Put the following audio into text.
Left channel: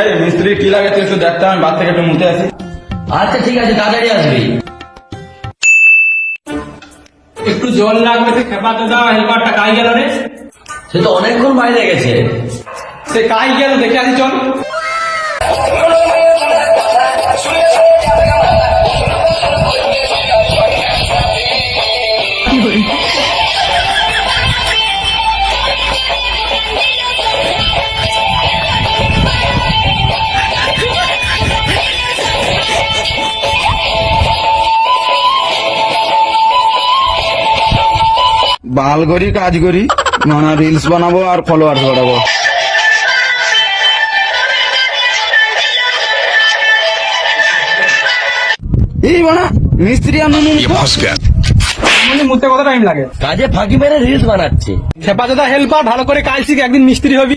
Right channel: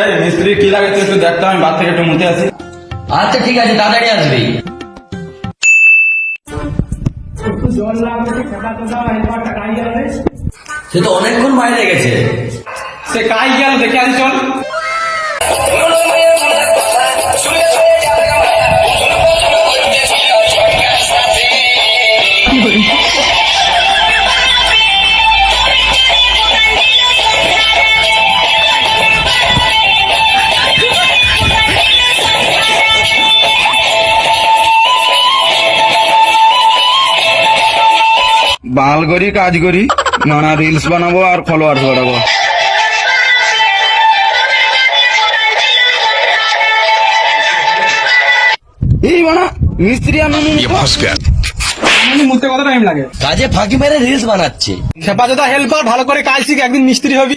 এই মিস্ত্রি কি লাগাচ্ছে একটু দেখতে, আমি বাদ থেকে একটু মুতে আছি। আচ্ছা ঠিক আছে, তাড়াতাড়ি আসবি। একটু জল লাগবে, খেপা তো দাও, হেল্পারটা কাই গেল রে? সে তো অনেকক্ষণ বাইরে গেছে। সে কাই গেল, দেখে আসি চল। বাঙাল করি, কাজ করি, মানে রিলস বানাবো আর ফলোয়ার বাড়াবো। এই বানা মিস্ত্রি আনুনি মুতে কত টাইম লাগে? কাজে ফাঁকি মেরে রিলস বানাচ্ছে। খেপা দাদা হেল্পার, ভালো করে কাজ শিখে একদিন মিস্ত্রি হবি।